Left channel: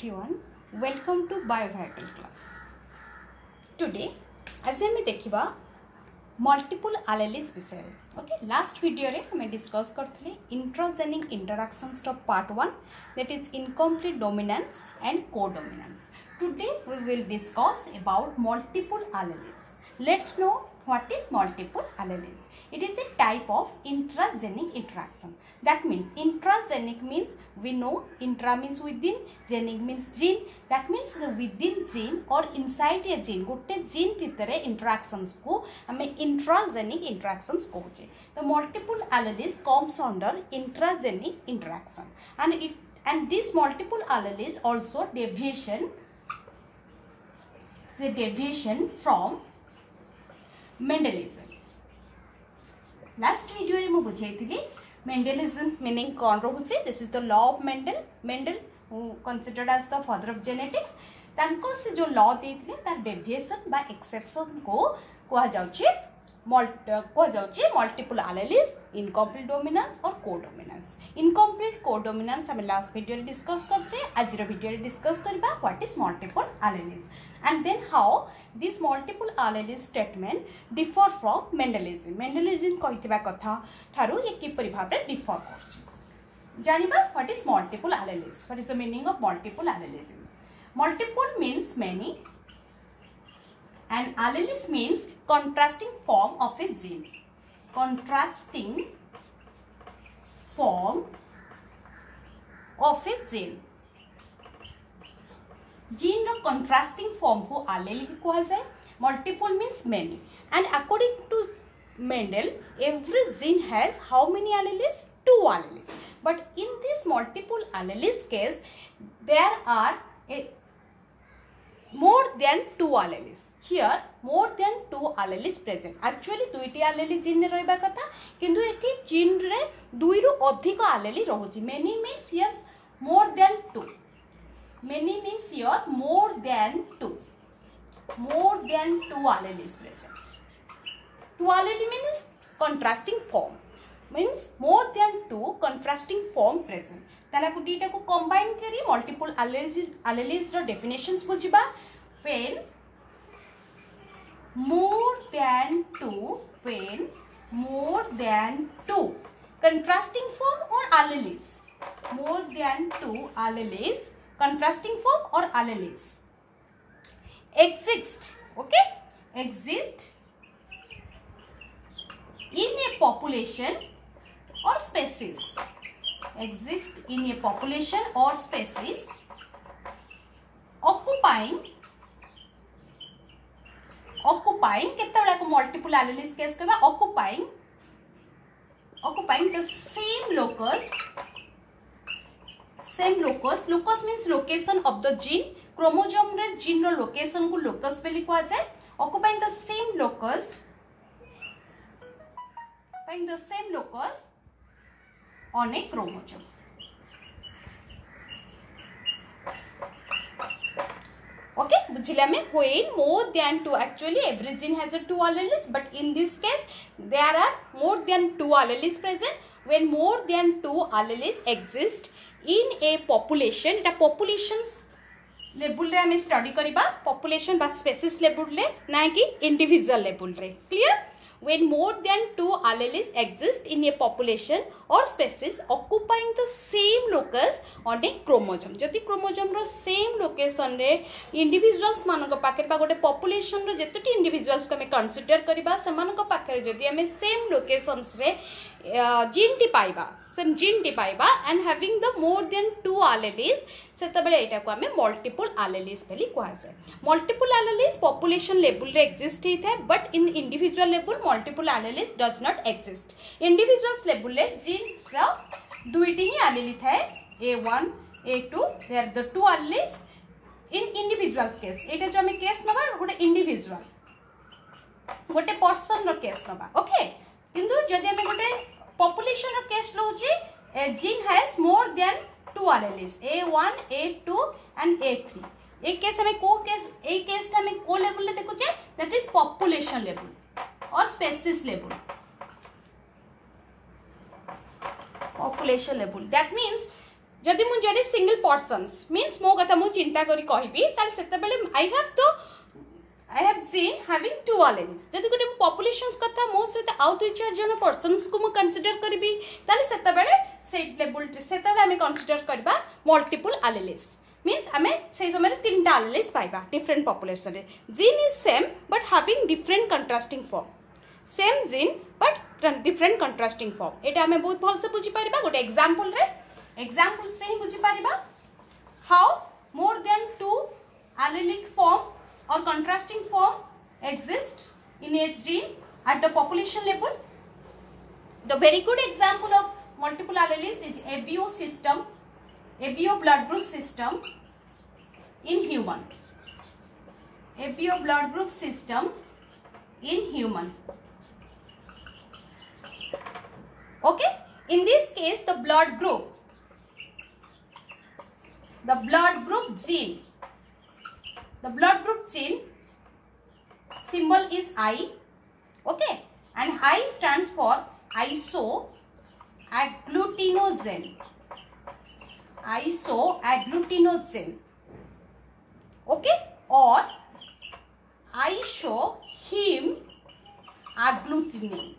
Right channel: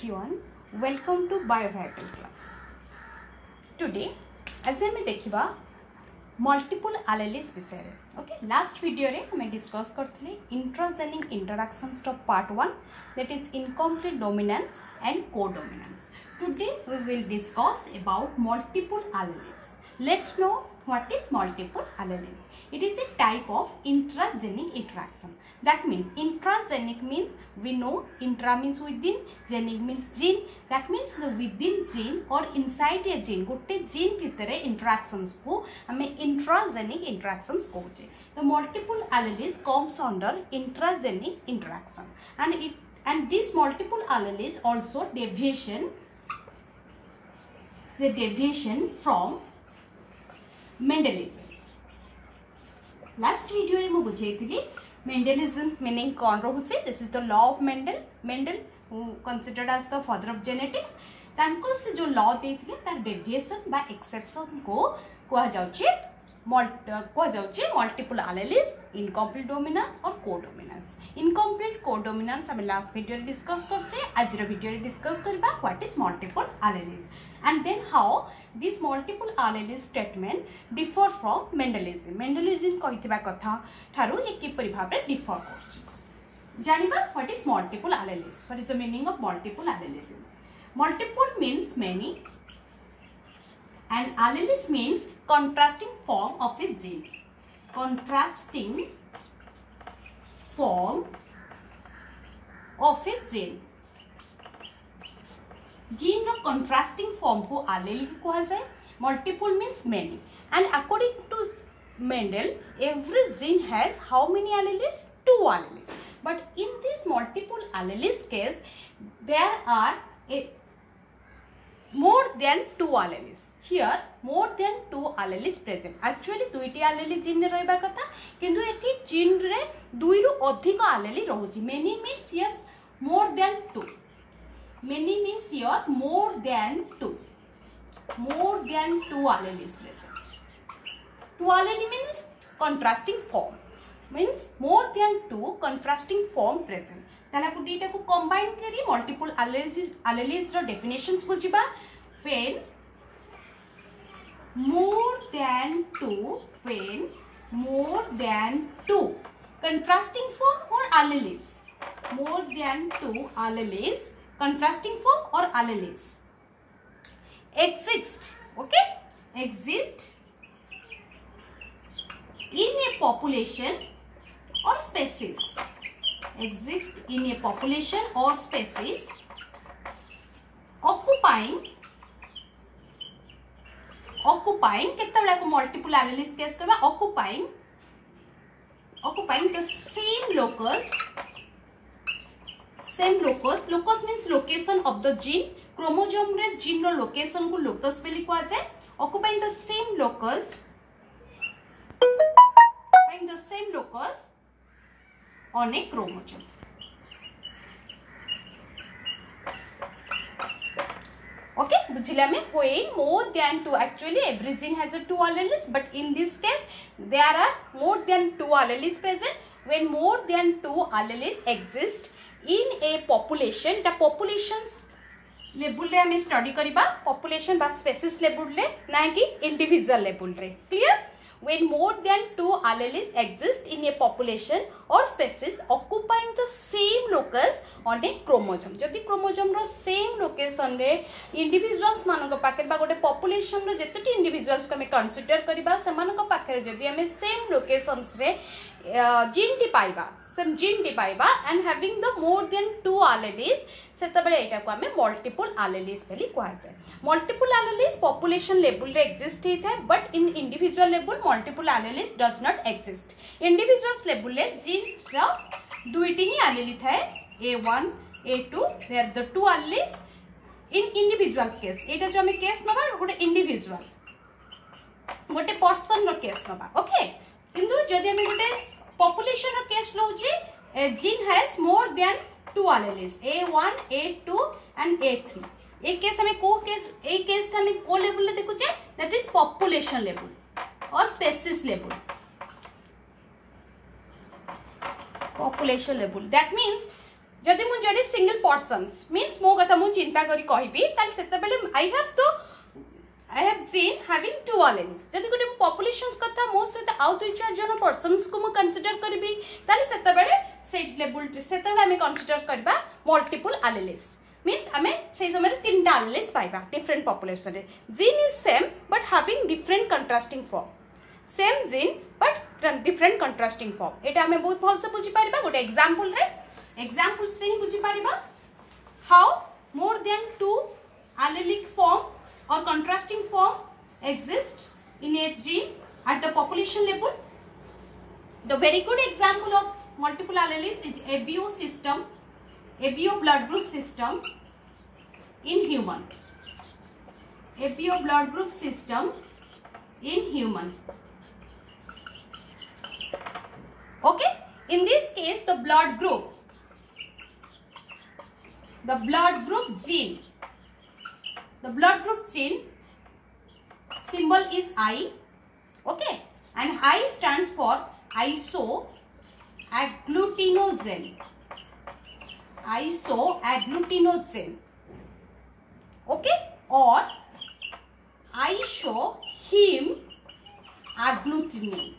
everyone, welcome to Biovital class. Today as we देखिबा multiple alleles विषय रे. Okay, last video रे हमें discuss करथले intragenic interactions of part 1, that is incomplete dominance and codominance. Today we will discuss about multiple alleles. Let's know what is multiple alleles. It is a type of intragenic interaction. That means intragenic means we know intra means within, genic means gene. That means the within gene or inside a gene गोटे gene भितरे interactions को हमें intragenic interactions कहते हैं. The multiple alleles comes under intragenic interaction, and this multiple alleles also deviation from Mendelianism. Last video रे मु बुझेइथिली Mendelianism meaning कौन रोचे. This is the law of Mendel who considered as the father of genetics. तांकर से जो law देइथिले तार deviation by exception को कहा जाउची multiple alleles, incomplete dominance or codominance. Incomplete codominance हमें last video रे discuss करछे. आज रो video रे discuss करबा what is multiple alleles and then how this multiple alleles statement differ from Mendelianism. Mendelianism कहितबा कथा थारु ये किपरि भाबरे differ करछि. जानिबा what is multiple alleles. What is the meaning of multiple alleles? Multiple means many and alleles means contrasting form of a gene. Contrasting form of a gene. Gene row contrasting form को allele कहा जाए. Multiple means many, and according to Mendel, every gene has how many alleles? 2 alleles. But in this multiple alleles case, there are more than 2 alleles. Here more than 2 alleles present. Actually 2टी allele gene रे रहबा कथा, किंतु एठी gene रे 2 रु अधिक allele रहुची. Many means here more than 2. Many means here more than 2. More than 2 alleles present. 2 allele means contrasting form. Means more than 2 contrasting form present. ताला को दीटा को combine करी multiple alleles row definitions बुझिबा. When more than 2 contrasting form or alleles. More than 2 alleles contrasting form or alleles exist. Okay, exist in a population or species. Exist in a population or species occupying कितना को multiple alleles case करवा. occupying the same locus means location of the gene. Chromosome रे gene रो location को locus पे लिखवा जाए. Occupying the same locus on a chromosome. Okay, बुझिले हमें. When more than 2, actually every gene has a 2 alleles, but in this case there are more than 2 alleles present. When more than 2 alleles exist in a population, এটা populations level रे हमें study करिबा. population बा species level रे ना कि individual level रे. Clear? When more than 2 alleles exist in a population or species occupying the same locus on a chromosome. जदि chromosome रो same location रे individuals मानक पाखे बा गोटे population रो जेतोटी individuals को हमें consider करिबा सेमानक पाखे जदि हमें same locations रे gene टी पाइबा and having the more than 2 alleles सेतबेले एटा को हमें multiple alleles बेली कहा जाय. Multiple alleles population level रे exist ही था, but in individual level multiple alleles does not exist. Individuals level रे gene रा 2टी ही allele था. A1 A2 there the 2 alleles in individuals case. एटा जो हमें केस नबा गोटे individual गोटे person रो केस नबा. Okay, किंतु जदि हमें गोटे population रो केस लउची, a gene has more than 2 alleles A1 A2 and A3. A case हमें को केस ए केस हमें को लेवल ले देखो छे, that is population level or species level. Population level, that means जदि मु जडे सिंगल पर्सन्स मीन्स मो कथा मु चिंता करी कहबी ताले सेते बेले I have seen having two alleles. जदि गोटे पॉपुलेशंस कथा मो सहित आउ दुई चार जन पर्सन्स को मु कंसीडर करबी ताले सेते बेले से लेवल सेते बेले हमें कंसीडर करबा मल्टीपल alleles. मीन्स हमें से समय तीनटा alleles पाइबा डिफरेंट पॉपुलेशन रे. Gene is same but having different contrasting form. Same gene but different contrasting form. एटा हमें बहुत भल से बुझी पारिबा गोटे एग्जांपल से ही बुझी पारिबा. How more than two allelic form or contrasting form exist in a gene at the population level. The very good example of multiple alleles is ABO system, ABO blood group system in human. ABO blood group system in human. Okay, in this case the blood group gene. The blood group gene symbol is I, okay, and I stands for isoagglutinogen. Isoagglutinogen, okay, or isoheme-agglutinin.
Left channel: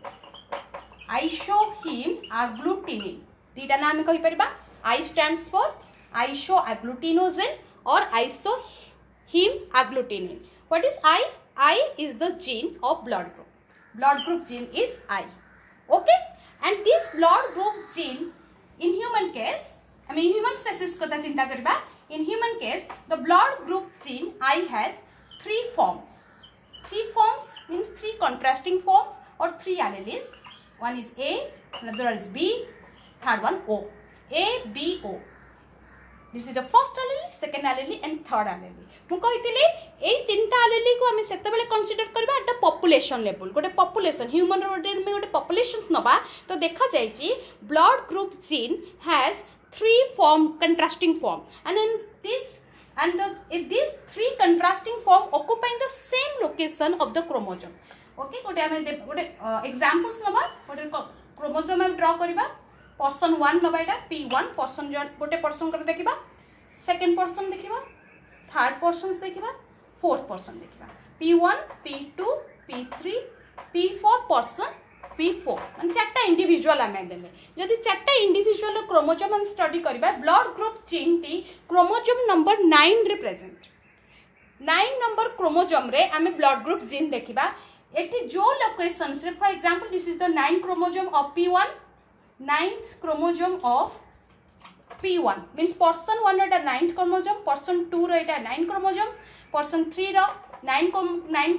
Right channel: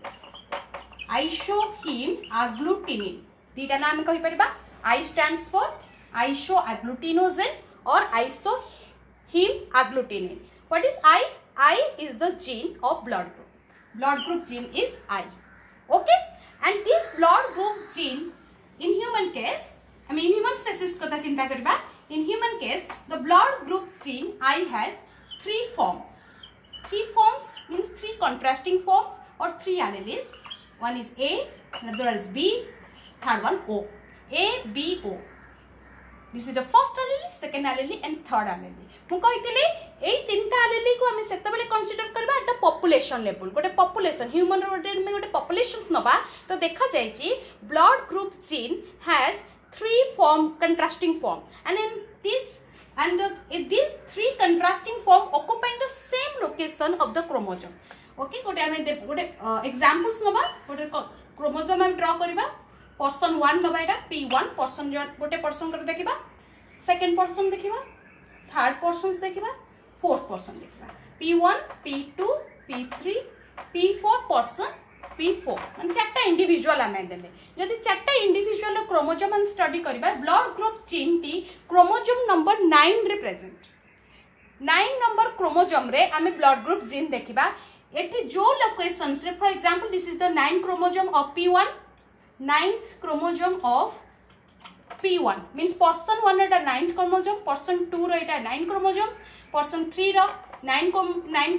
Isoheme-agglutinin. दीटा नाम कहि परिबा. I stands for isoagglutinogen or isoheme-agglutinin. What is I? I is the gene of blood group. Blood group gene is I. Okay? And this blood group gene in human case, I mean in human species kotha chinta kariba. In human case, the blood group gene I has three forms. Three forms means three contrasting forms or three alleles. One is A, another one is B, third one O. A, B, O. This is the first allele, second allele and third allele. मु कहितले एई तीनटा allele को हमें सेते बेले consider करबा एटा population level. गोटे population human में गोटे पॉपुलेशंस नबा तो देखा जायछि blood group gene has three form contrasting form and in these three contrasting form occupying the same location of the chromosome. Okay, गोटे हमें गोटे एग्जांपल्स नबा गोटे क्रोमोसोम हम ड्रा करबा. पर्सन 1 दबा एटा P1 पर्सन गोटे पर्सन कर देखिबा. सेकंड पर्सन देखिबा, थर्ड पर्सन देखिबा, फोर्थ पर्सन देखिबा. P1 P2 P3 P4 person P4 माने चारटा इंडिविजुअल आमे देले. जदि चारटा इंडिविजुअल क्रोमोसोम हम स्टडी करबा blood group gene T chromosome number 9 रे प्रेजेंट. 9 नंबर क्रोमोसोम रे आमे ब्लड ग्रुप जीन देखिबा. एटी जो लोकेशंस रे for example this is the 9 chromosome of P1, 9th chromosome of P1 means person 1 Etah 9th chromosome, person 2 row Etah 9 chromosome, person 3 row 9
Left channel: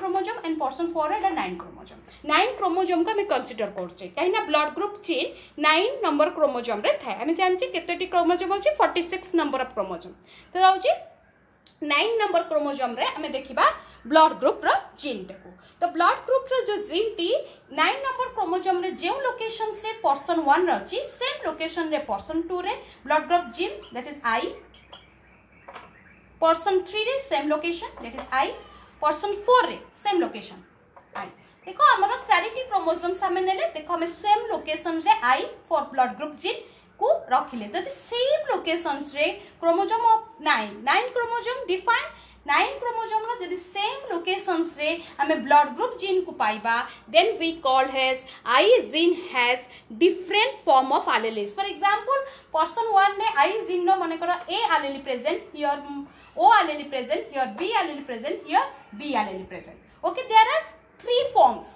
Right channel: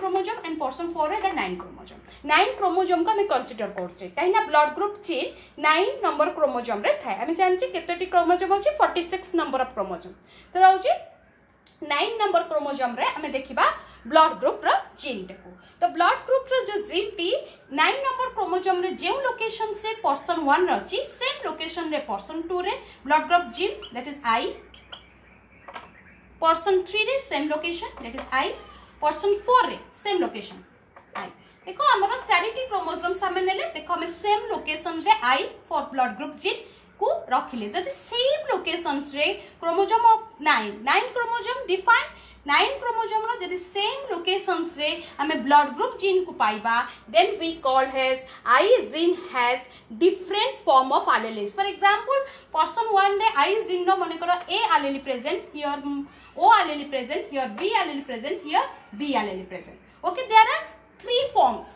chromosome and person 4 row Etah 9 chromosome. 9 chromosome को हम consider करछे काइना blood group chain 9 number chromosome रे थाए. हम जानछि केतोटी chromosome होछि 46 number of chromosome. तो होछि 9 नंबर क्रोमोसोम रे हमें देखिबा ब्लड ग्रुप रो जीन टेको. तो ब्लड ग्रुप रो जो जीन टी 9 नंबर क्रोमोसोम रे जे लोकेशन से पर्सन 1 रहछि सेम लोकेशन रे पर्सन 2 रे blood group gene that is I. Person 3 रे same location that is I. Person 4 रे सेम लोकेशन I. देखो हमर चारिटी क्रोमोसोम सामने नेले देखो हम सेम लोकेशन रे I for blood group gene को रखिले. तो सेम लोकेशंस रे chromosome of 9 chromosome define 9 chromosome रो जदि सेम लोकेशंस रे हमें ब्लड ग्रुप जीन को पाइबा then we called has I gene has different form of alleles. For example person 1 रे I जीन रो माने करो A allele present, here O allele present, here B allele present, here B allele present. Okay, there are three forms,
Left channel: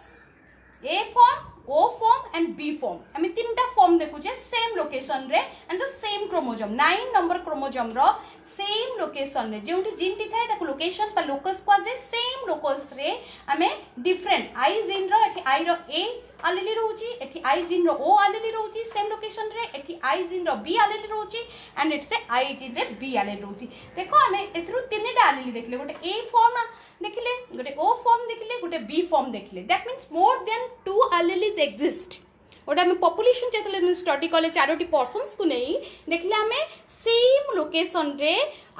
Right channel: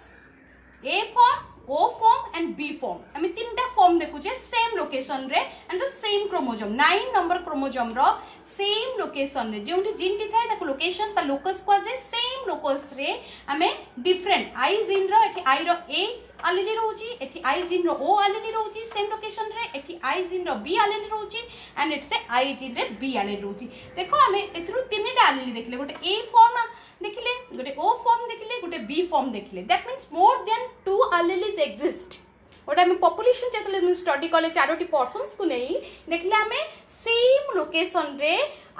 A form, O form and B form. हमें तीनटा form देखुचे same location रे and the same chromosome 9 number chromosome रो same location रे जोंटी gene टी थाए ताको लोकेशन बा लोकस को जे सेम लोकस रे हमें डिफरेंट I जीन रो एठी I रो A allele रहउची, एठी I जीन रो O allele रहउची सेम लोकेशन रे, एठी I जीन रो B allele रहउची एंड एठी I जीन रे B allele रहउची. देखो हमें एथरु तीनटा allele देखले गोटे A फॉर्म देखिले, गोटे O फॉर्म देखिले, गोटे B फॉर्म देखिले. That means more than 2 alleles exist. ओटा हमें पॉपुलेशन जेतले स्टडी कले चारोटी पर्सन्स को नहीं देखले हमें सेम लोकेशन रे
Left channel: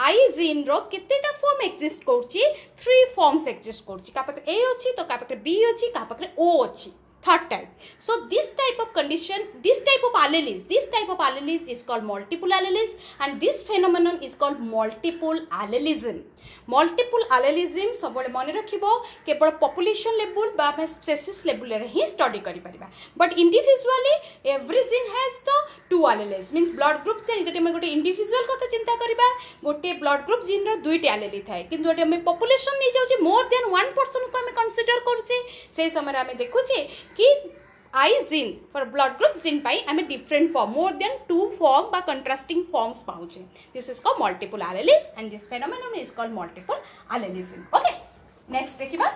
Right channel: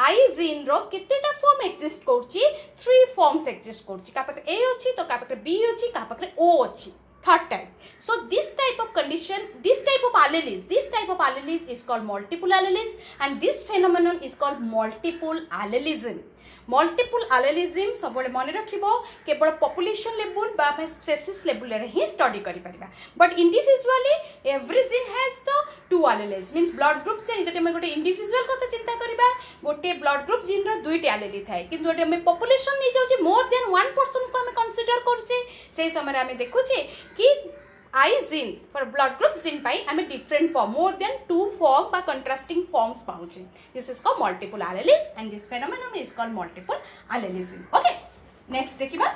I जीन रो केतेटा फॉर्म एक्जिस्ट करछि 3 फॉर्म्स एक्जिस्ट करछि. का पाखे A अछि तो का पाखे B अछि का पाखे O अछि third type. So this type of condition, this type of alleles is called multiple alleles, and this phenomenon is called multiple allelism. Multiple allelism सब मन रखिबो केवल population level बा species level रे ही study करि परिबा, but individually every gene has the two alleles, means blood group से जति हम गोटे individual कथा चिंता करिबा गोटे blood group gene रो दुईटी allele थाए, किंतु जति हम population नै जाउची more than 1% को हम consider करूची से समय हम देखुची कि I gene for blood group gene पाई हमें different form more than 2 form by contrasting forms पाउचे. This is called multiple alleles and this phenomenon is called multiple allelism. Okay, next देखिबा.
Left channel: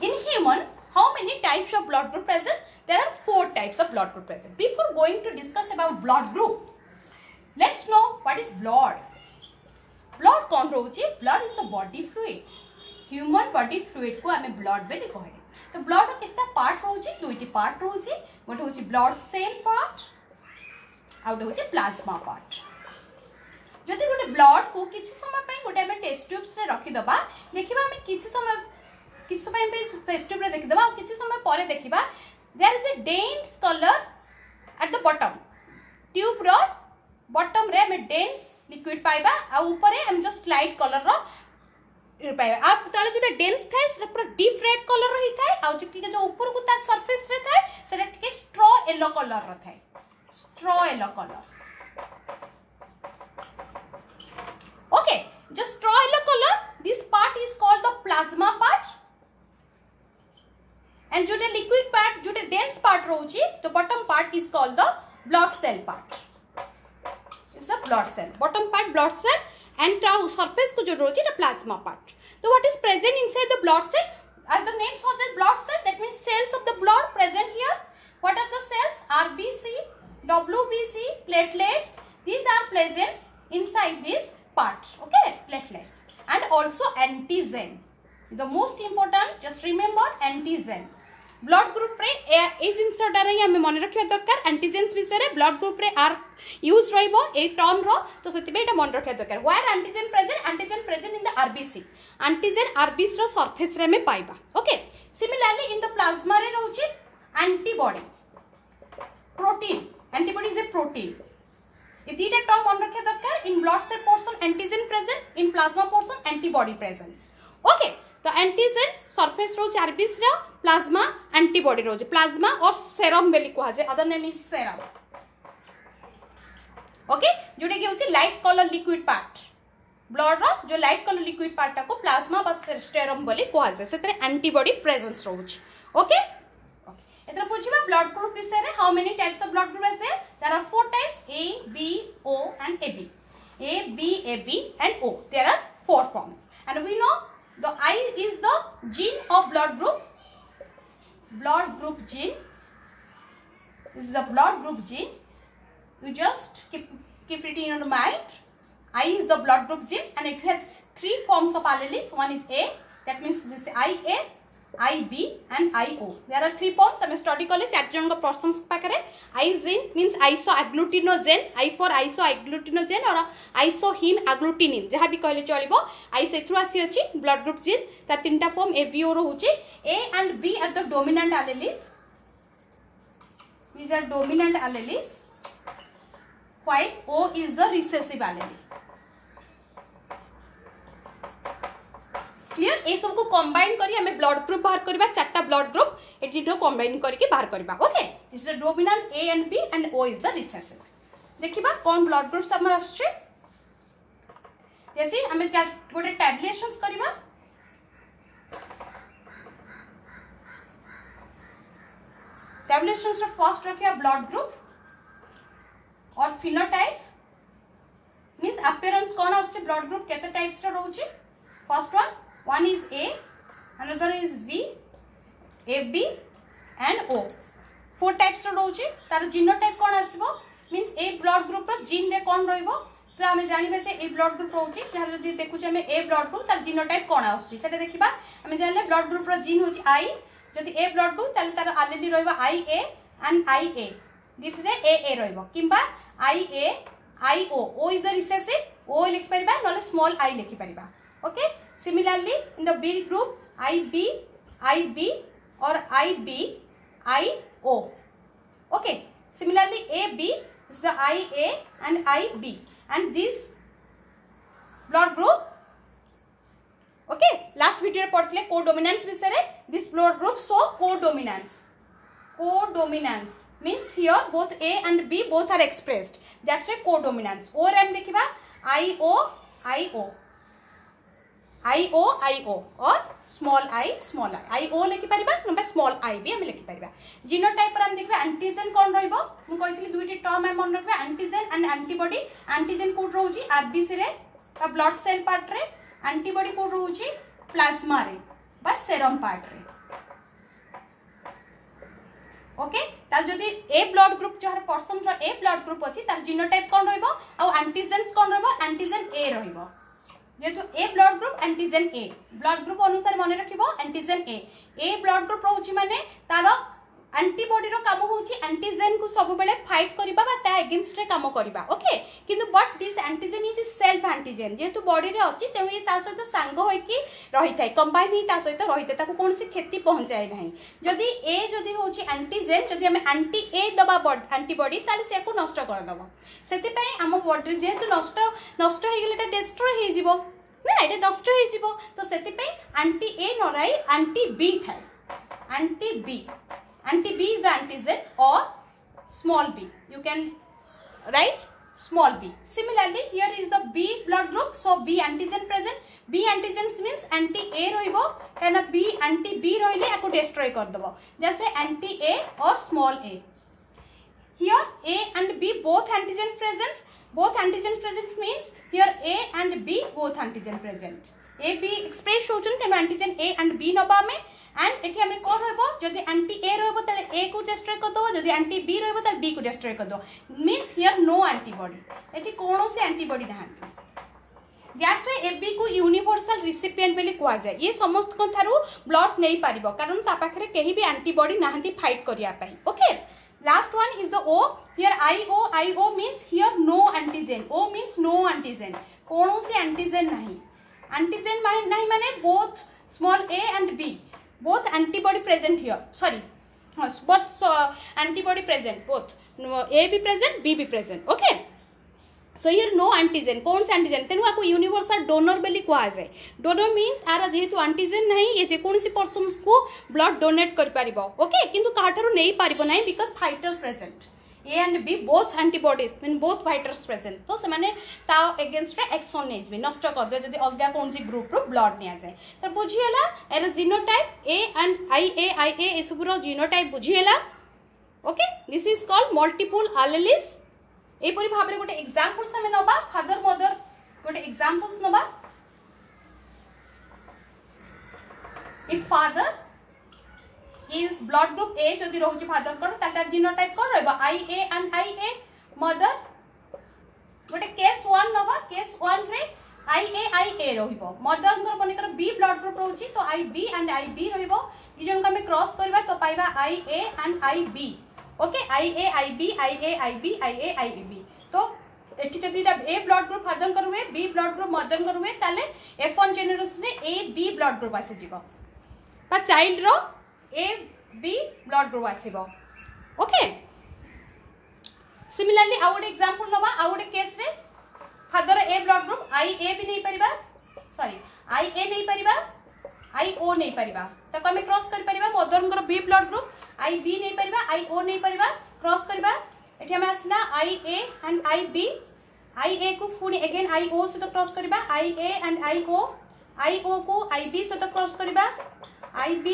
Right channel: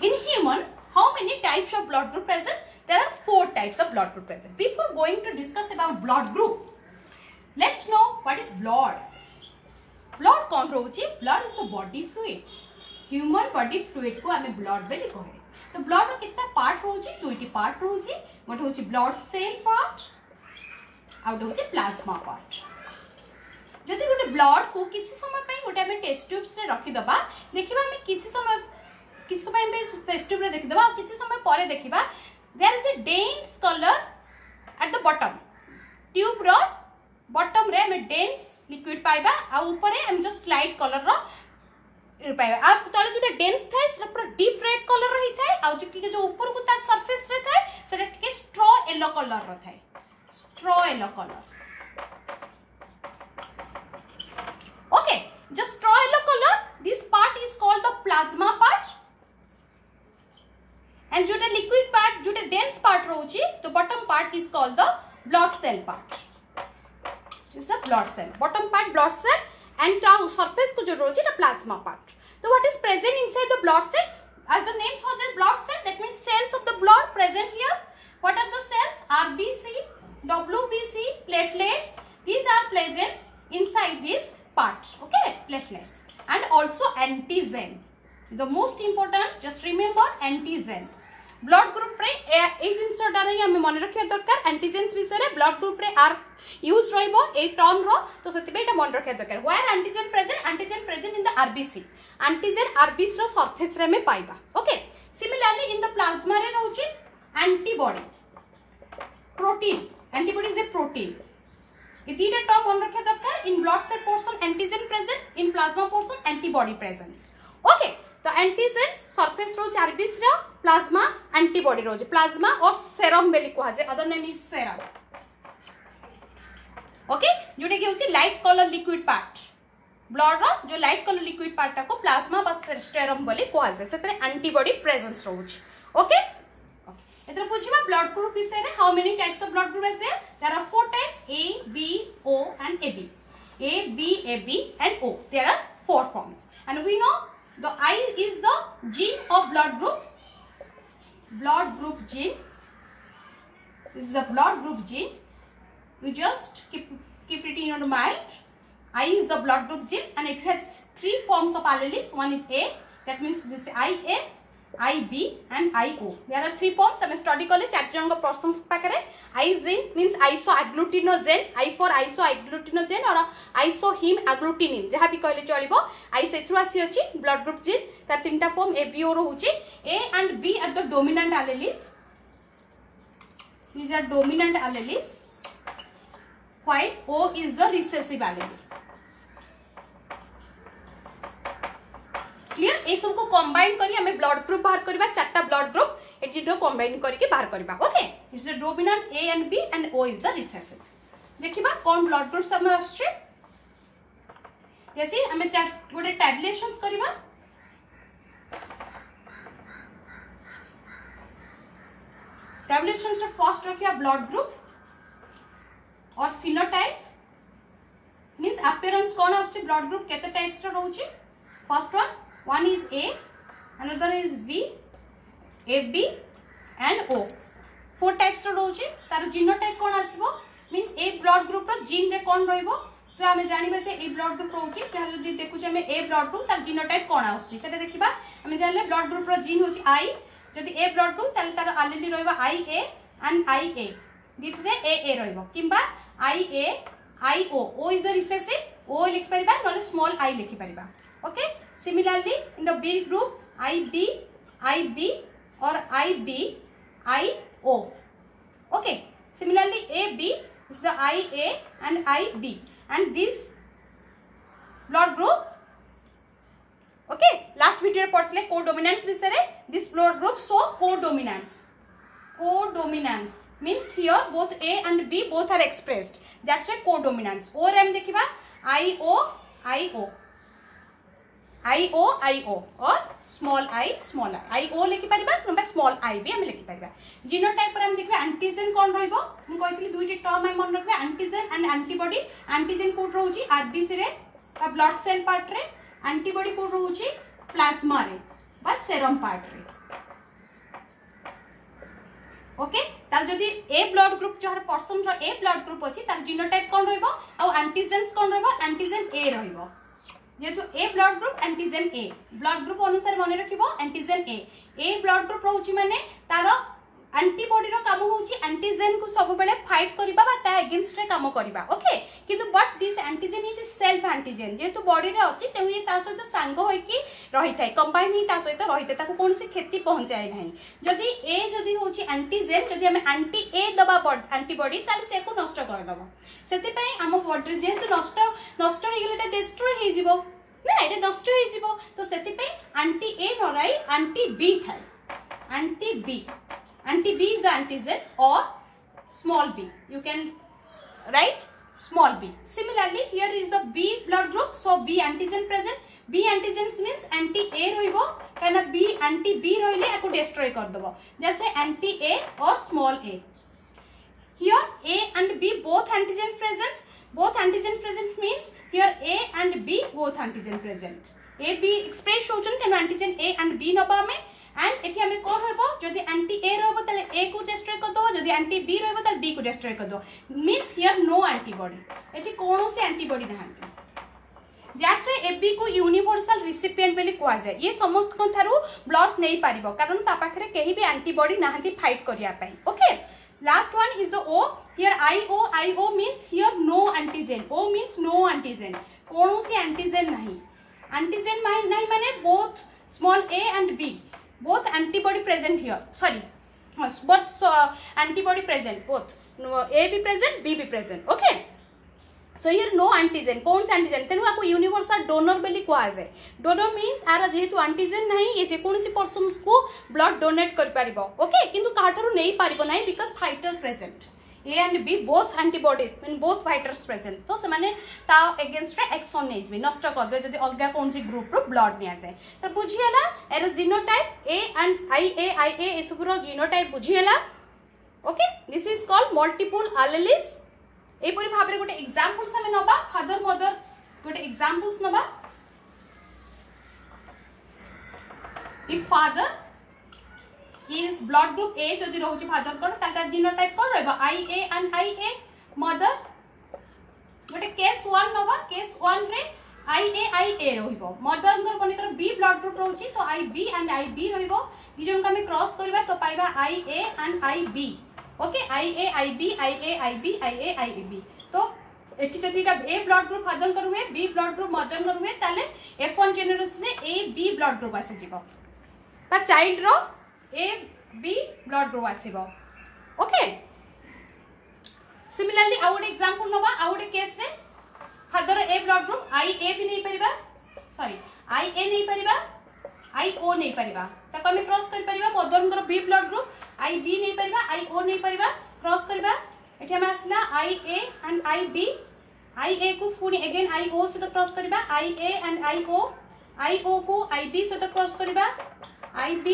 In human, how many types of blood group present? There are 4 types of blood group present. Before going to discuss about blood group, let's know what is blood. Blood कौन रोची? Blood is the body fluid. Human body fluid को आमे blood बेली कहे. तो blood रो कितना part होची? दुईटी part होची. गोटे होची ब्लड सेल पार्ट आउट होची प्लाज्मा पार्ट. जदि गोटे ब्लड को किछि समय पई गोटे आमे टेस्ट ट्यूब्स रे रखि दबा, देखिबा आमे किछि समय पे टेस्ट ट्यूब रे देखि दबा, किछि समय परे देखिबा there is a dense colour at the bottom. Tube रो बॉटम रे आमे डेंस लिक्विड पाइबा आ ऊपर हम जस्ट लाइट कलर रो पाइबा. आप तले जो डेंस थाए से पूरा डीप रेड कलर रही थाए आ जो ऊपर को तार सरफेस रे थाए सेटा टिके स्ट्रॉ येलो कलर रो थाए. Straw yellow colour. Okay, just straw yellow color, this part is called the plasma part, and जो liquid part जो dense part रोची तो bottom part is called the blood cell part. This is the blood cell. Bottom part blood cell and surface को जो रोची the plasma part. So what is present inside the blood cell? As the name suggests, blood cell, that means cells of the blood present here. What are the cells? RBC, WBC, platelets. These are present inside this part. Okay, platelets. And also antigen. The most important, just remember antigen. Blood group रे ए जिंस डारे हम मन रखिया दरकार. Antigens विषय रे blood group रे are use रहइबो ए टर्म रो, तो सेतिबे एटा मन रखिया दरकार. Where antigen present? Antigen present in the RBC. Antigen RBC रो सरफेस रे में पाइबा. Okay, similarly in the plasma रे रहउची antibody, protein. Antibody is a protein. ये तीनटा टर्म मन रखिया दरकार. In blood cell portion antigen present, in plasma portion antibody presence. Okay, तो एंटीजन सरफेस रोज आरबीसी रो, प्लाज्मा एंटीबॉडी रोज. प्लाज्मा और सेरम बेली कहा जाए, other name is serum. Okay, जोटे कि होची light colour liquid part. Blood रो जो लाइट कलर लिक्विड पार्ट को प्लाज्मा बा सेरम बेली कहा जाए. सेतरे एंटीबॉडी प्रेजेंस रोज. ओके, एतरा बुझिबा ब्लड ग्रुप विषय रे. How many types of blood group are there? There are 4 types, A, B, O and AB. A, B, AB and O. There are 4 forms. And we know the I is the gene of blood group. Blood group gene. This is the blood group gene. You just keep it in your mind. I is the blood group gene and it has 3 forms of alleles. One is A, that means this is IA, IB and IO. There are 3 forms. I study college 4 जन को persons पाकरे. I gene means isoagglutinogen, I for isoagglutinogen और isoheme agglutinin जहाँ भी कहले चलिबो. I से through आसी अछि blood group gene. तार 3टा form A, B, O रहउची. A and B are the dominant alleles. These are dominant alleles, while O is the recessive allele. Clear? ए सब को कंबाइन करी हमें ब्लड ग्रुप बाहर करबा. 4टा ब्लड ग्रुप एटी नो कंबाइन करके बाहर करबा. Okay, this is the dominant A and B and O is the recessive. देखिबा कोन ब्लड ग्रुप सब आछे. जैसे हमें गोटे टैबुलेशंस करबा. टैबुलेशंस रो फर्स्ट रखिया ब्लड ग्रुप और फिनोटाइप मींस अपीयरेंस कोन आछे. ब्लड ग्रुप केते टाइप्स रो रहउची? First one is A, another is B, AB and O. 4 types रो रहउची. तार जीनोटाइप कोन आसीबो मींस ए ब्लड ग्रुप रो जीन रे कोन रहइबो. तो हमें जानिबे जे ए ब्लड ग्रुप रहउची. जहां जदी देखु जे हमें ए ब्लड ग्रुप तार जीनोटाइप कोन आछी सेटा देखिबा. हमें जानले ब्लड ग्रुप रो जीन होची I. जदी ए ब्लड ग्रुप तार तार एलीली रहइबो IA and IA. दिथरे AA रहइबो किंबा IA IO. O is the recessive. O लिखि परिबा नले स्मॉल I लिखि परिबा. Okay. Similarly, in the B group, IB or IO. Okay. Similarly, AB is the IA and IB, and this blood group. Okay. Last video पढ़ते codominance विषय रे. This blood group show codominance. Codominance means here both A and B both are expressed. That's why codominance. और हम देखिबा IO और small I small r. IO लिखि परिबा number small I भी हम लिखि परिबा. जीनोटाइप पर हम देखिबा एंटीजन कोन रहइबो. मु कहितली दुईटी टर्म हम मन रखबा एंटीजन एंड एंटीबॉडी. एंटीजन कोड रहउची आरबीसी रे ब्लड सेल पार्ट रे. एंटीबॉडी कोड रहउची प्लाज्मा रे बा सेरम पार्ट रे. ओके. ताल जदी ए ब्लड ग्रुप जहर पर्सन रो ए ब्लड ग्रुप अछि ताल जीनोटाइप कोन रहइबो आ एंटीजन्स कोन रहइबो एंटीजन ए रहइबो. जेतु A blood group antigen A blood group अनुसार मन रखिबो एंटीजन ए ब्लड ग्रुप रहउची माने तारो एंटीबॉडी रो काम होउची एंटीजन को सब बेले फाइट करबा बा ता अगेंस्ट रे काम करबा. ओके. किंतु but this antigen is self antigen जेतु बॉडी रे अछि तेनु ये ता सहित सांग होय कि रहि थाय कंबाइन ही ता सहित रहि थाय ताको कोनसी क्षति पहुंचाए नाही. जदी ए जदी होउची एंटीजन जदी हम एंटी ए दबा एंटीबॉडी ताले से को नष्ट कर दबा. सेति पई हम बॉडी जेतु नष्ट हो गेले ता डिस्ट्रॉय हे जिवो ना एटा नष्ट हो जिवो. तो सेति पई एंटी ए नराई एंटी बी थाय. Anti B is the antigen or small b. You can write small b. Similarly, here is the B blood group. So B antigen present. B antigens means anti A rohibo. Kana B anti B rohile ako destroy kar debo. That's why anti A or small a. Here A and B both antigen present. Both antigen present means here A and B both antigen present. A B express होचन तेनो antigen A and B नबा में. And एठी हमरे कोन रहबो जदी anti A रहबो तले ए को डिस्ट्रॉय कर दो. जदी एंटी बी रहबो तले बी को डिस्ट्रॉय कर दो. Means here no antibody. एठी कोनोसी एंटीबॉडी नहांती. दैट्स व्हाई एबी को यूनिवर्सल रिसिपिएंट बेली कोआ जाय. ये समस्त कोन थारु ब्लड्स नै पारिबो कारण ता पाखरे केही भी एंटीबॉडी नहांती फाइट करिया पई. Okay. Last one is the O. Here IO means here no antigen. O means no antigen. कोनोसी एंटीजन नहीं. एंटीजन नहीं माने both small a and b both antibody present here. Sorry, both antibody present, both A be present, B be present. Okay. So here no antigen. कौन से antigen? तेनु आपको universal donor बेली कुआ जाए. Donor means आरा जेहेतु antigen नहीं ये जे कौन सी persons को blood donate कर पारिबो. Okay. किंतु काठरू नहीं पारिबो नहीं because fighters present. A and B both antibodies mean both fighters present. तो समाने ता against एक्शन नहीं जिबे नष्ट कर दो जदी अलगा कौन सी ग्रुप रो ब्लड निया जाए. तो बुझियला एरो जीनोटाइप A and IA ए सबरो जीनोटाइप बुझियला. Okay. This is called multiple alleles. ए परि भाबरे गोटे एग्जांपल्स हम नबा फादर मदर गोटे एग्जांपल्स नबा. If father is blood group A जदी रहउची फादर कोन तार जीनोटाइप कोन रहबा IA and IA. मदर गोटे केस 1 नबा. केस 1 रे IA रहइबो. मदर को कोन B ब्लड ग्रुप रहउची तो IB and IB रहइबो. दिजन को हम क्रॉस करबा तो पाइबा IA and IB. Okay. IA IB. तो एठी जदी A ब्लड ग्रुप फादर को हुए B ब्लड ग्रुप मदर को हुए ताले F1 जेनेरेशन रे AB ब्लड ग्रुप आसी जिवो. ता चाइल्ड रो A B blood group आसीबो. ओके. सिमिलरली आउट एग्जांपल नबा. आउट केस रे father A blood group IA भी नहीं परिबा. सॉरी IA नहीं परिबा IO नहीं परिबा. तो कमे क्रॉस कर परिबा. मदर को B ब्लड ग्रुप IB नहीं परिबा IO नहीं परिबा. क्रॉस करबा एठी हम आसला IA and IB. IA को पुनी अगेन IO से तो क्रॉस करबा. IA and IO को IB से तो क्रॉस करबा. IB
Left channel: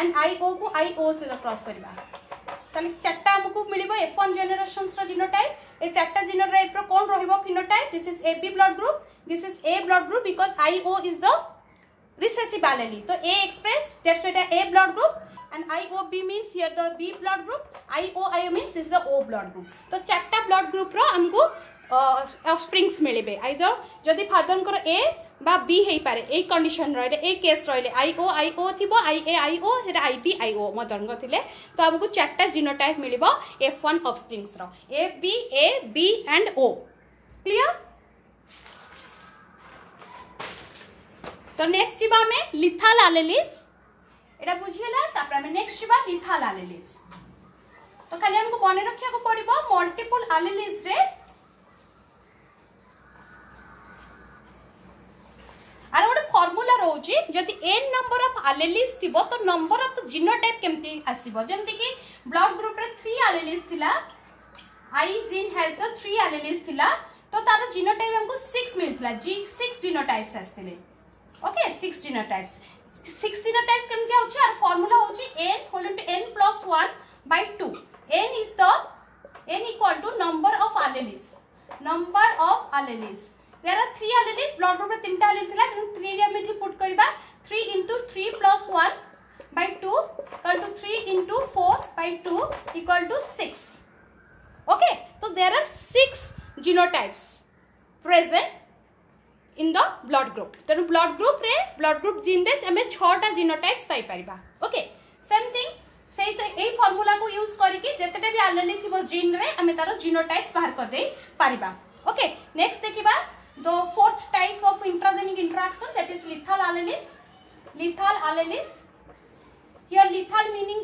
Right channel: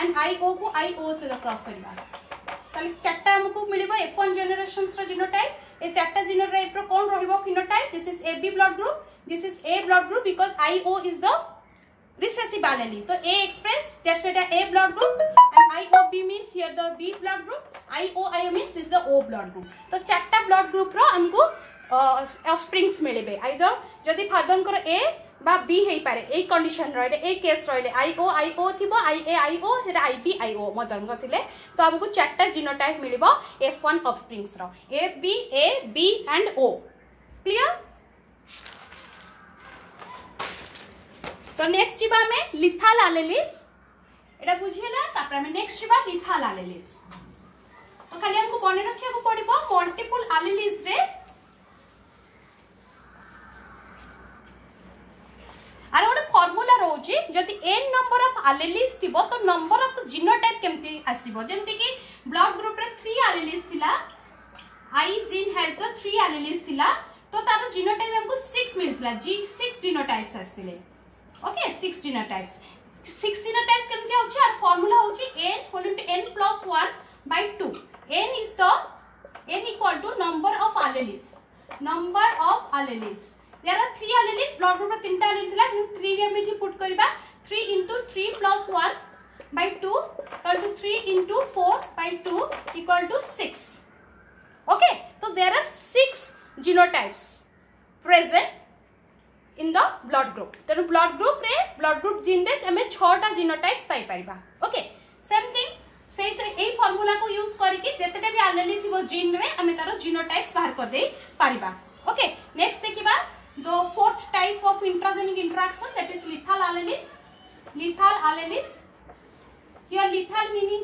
and IO को IO से क्रॉस करिबा. तले चारटा हमकु मिलिबो F1 जनरेशंस रो जीनोटाइप. ए चारटा जीनोटाइप रो कोन रहइबो phenotype. This is AB blood group. This is A blood group because IO is the recessive allele. तो A express that's why A blood group and IOB means here the B blood group. IO means is the O blood group. तो चारटा blood group रो हमकु offsprings मिलिबे. Either जदी father को A बा B हेई पारे ए कंडीशन रहले ए केस रहले IO थिबो IA हेरा IB मदर को थिले. तो हमकु चारटा जीनोटाइप मिलिबो F1 ऑफस्प्रिंग्स रो A B and O. Clear. तो नेक्स्ट जीवा हमें लिथाल एलेलिस एटा बुझिला तापर हमें नेक्स्ट जीवा लिथाल एलेलिस तो खाली हमको बने रखिया को पड़िबो मल्टीपल एलेलिस रे आर गोटे फॉर्मूला रोची जदि n नंबर ऑफ एलेलिस थिबो तो नंबर ऑफ जीनोटाइप केमती आसीबो जेमति कि ब्लड ग्रुप रे 3 एलेलिस थिला I जीन हैज द 3 एलेलिस थिला तो तार जीनोटाइप हमको 6 मिलथिला 6 जीनोटाइप्स आस्थिले ओके 6 जीनोटाइप्स 6 जीनोटाइप्स केमती होची आर फार्मूला होची n whole into n + 1 by 2 n is the n equal to number of alleles there are 3 alleles blood group में 3 alleles थिला 3 रे मिठी पुट करबा 3 into 3 plus 1 by 2 equal to 3 into 4 by 2 equal to 6 okay so there are 6 genotypes present in the blood group तेनु blood group gene रे हमें 6 टा genotypes पाई परिबा okay same thing से तो ए फार्मूला को यूज करके जेतेटा भी एलेली थिबो जीन रे हमें तारो जीनोटाइप्स बाहर कर दे परिबा ओके नेक्स्ट देखिबा the fourth type of intragenic interaction that is lethal alleles here lethal meaning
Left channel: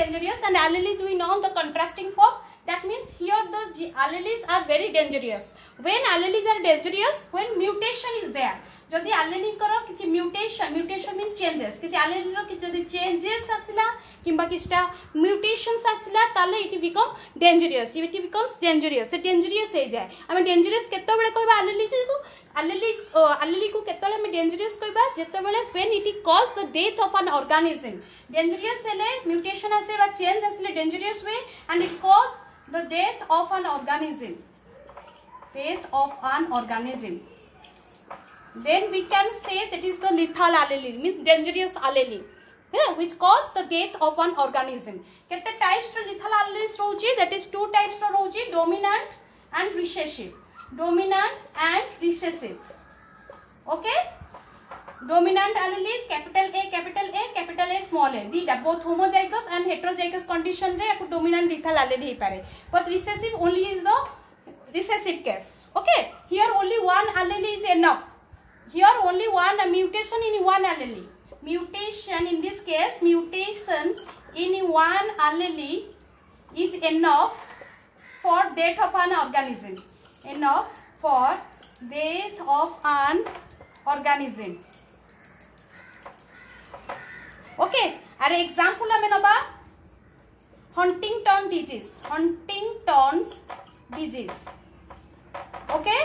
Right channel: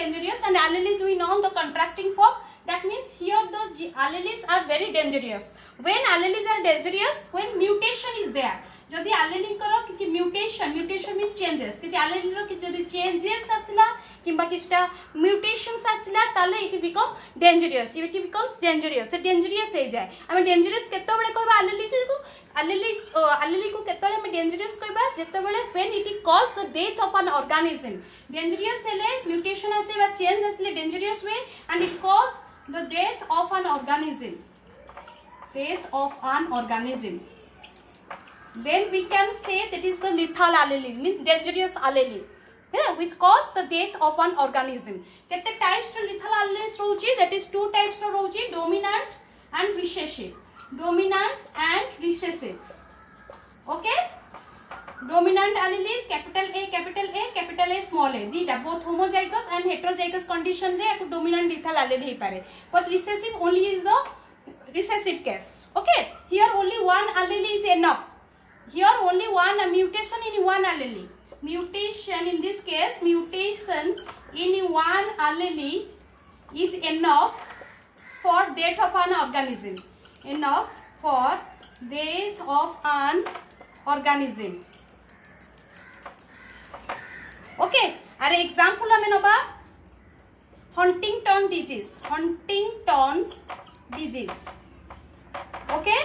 dangerous and alleles we know the contrasting form that means here the alleles are very dangerous when alleles are dangerous when mutation is there जदि एलेली करो किछि mutation mean changes किछि एलेली रो कि जदि changes आसिला किबा किछटा mutations आसिला ताले it become dangerous it becomes dangerous से dangerous हे जाय हमें डेंजरियस केते बेले कहबा एलेली को केते बेले हमें डेंजरियस कहबा जेते बेले when it cause the death of an organism dangerous हेले म्यूटेशन आसे बा चेंज आसिले dangerous way and it cause the death of an organism then we can say that is the lethal allele means dangerous allele which cause the death of an organism kete types ro lethal alleles rochi that is two types ro rochi dominant and recessive okay dominant alleles capital A small a dita both homozygous and heterozygous condition re dominant lethal allele he pare but recessive only is the recessive case okay here only one allele is enough here only one mutation in one allele mutation in this case mutation in one allele is enough for death of an organism okay are example hame naba Huntington's disease okay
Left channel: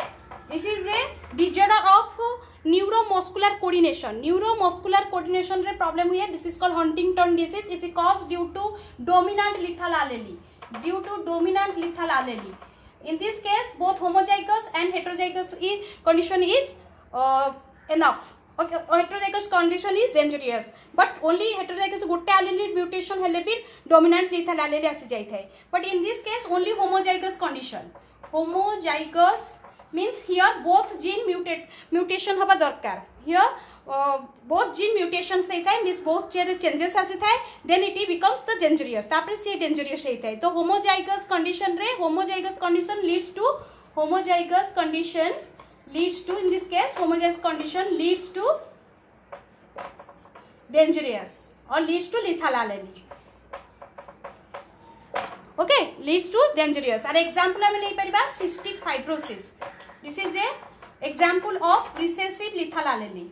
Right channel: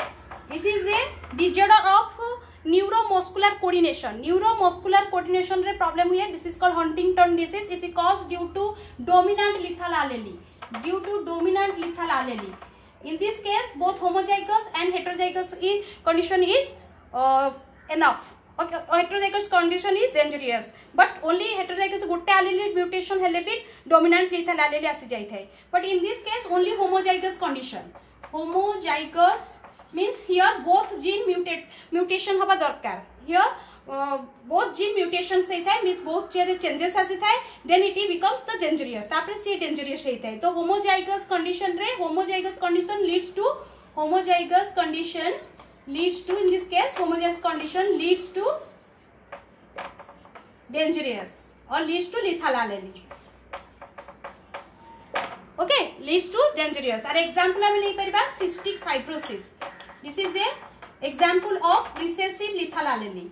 this is a disorder of neuromuscular coordination रे problem हुए this is called Huntington disease it is caused due to dominant lethal allele in this case both homozygous and heterozygous condition is enough okay heterozygous condition is dangerous but only heterozygous goटे allele mutation हेले भी dominant lethal allele आसी जाई थाए but in this case only homozygous condition homozygous means here both gene mutation होबा दरकार here both gene mutations से थाए means both changes आसी थाए then it becomes the dangerous तापर से dangerous हे थाए तो homozygous condition रे homozygous condition leads to in this case homozygous condition leads to dangerous or leads to lethal allele okay leads to dangerous and example hame lei pariba cystic fibrosis this is a example of recessive lethal allele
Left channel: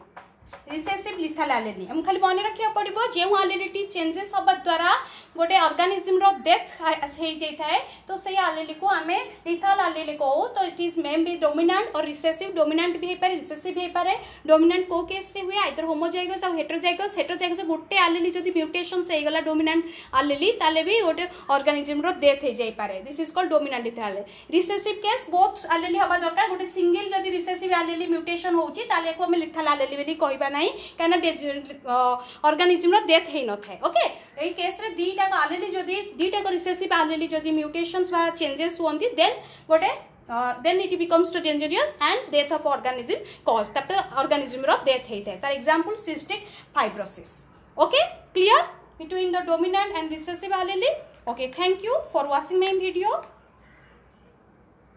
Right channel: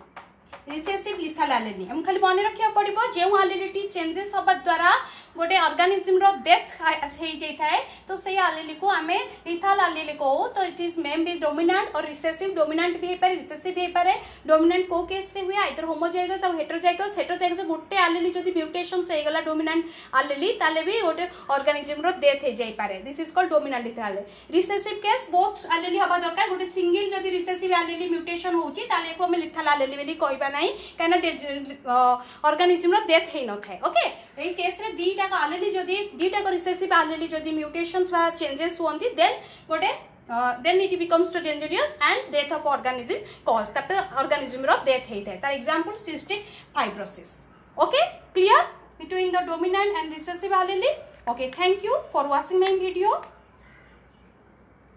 हम खाली मन रखा पड़ो जो एलिलिटी changes होगा द्वारा गोटे organism रो death हो जाए तो से एलिली को आम लिथल एलिली कहू तो it is may be dominant और रिसेसिव डोमिनेंट भी होपारे रिसेसिव होपारे डोमिनेंट को केस रे हुए आइदर होमोजाइगस और हेटेरोजाइगस गोटे एलिली जदी म्यूटेशंस हो गला डोमिनेंट एलिली ताले भी गोटे ऑर्गेनिज्म रो डेथ हो जाय पारे this is called dominant lethal recessive case both एलिली होबा दरकार गोटे सिंगल जदी रिसेसिव एलिली म्यूटेशन होची ताले को हम लिथल एलिली बोली कहबा नहीं कहना ऑर्गेनिज्म रो डेथ हे न थाए ओके ए केस रे दीटा को एलिली जदी दीटा को रिसेसिव एलिली जदी म्यूटेशंस वा चेंजेस होंती देन गोटे then it becomes to dangerous and death of organism cause that organism ro death hey thai tar example cystic fibrosis okay clear between the dominant and recessive allele okay thank you for watching my video.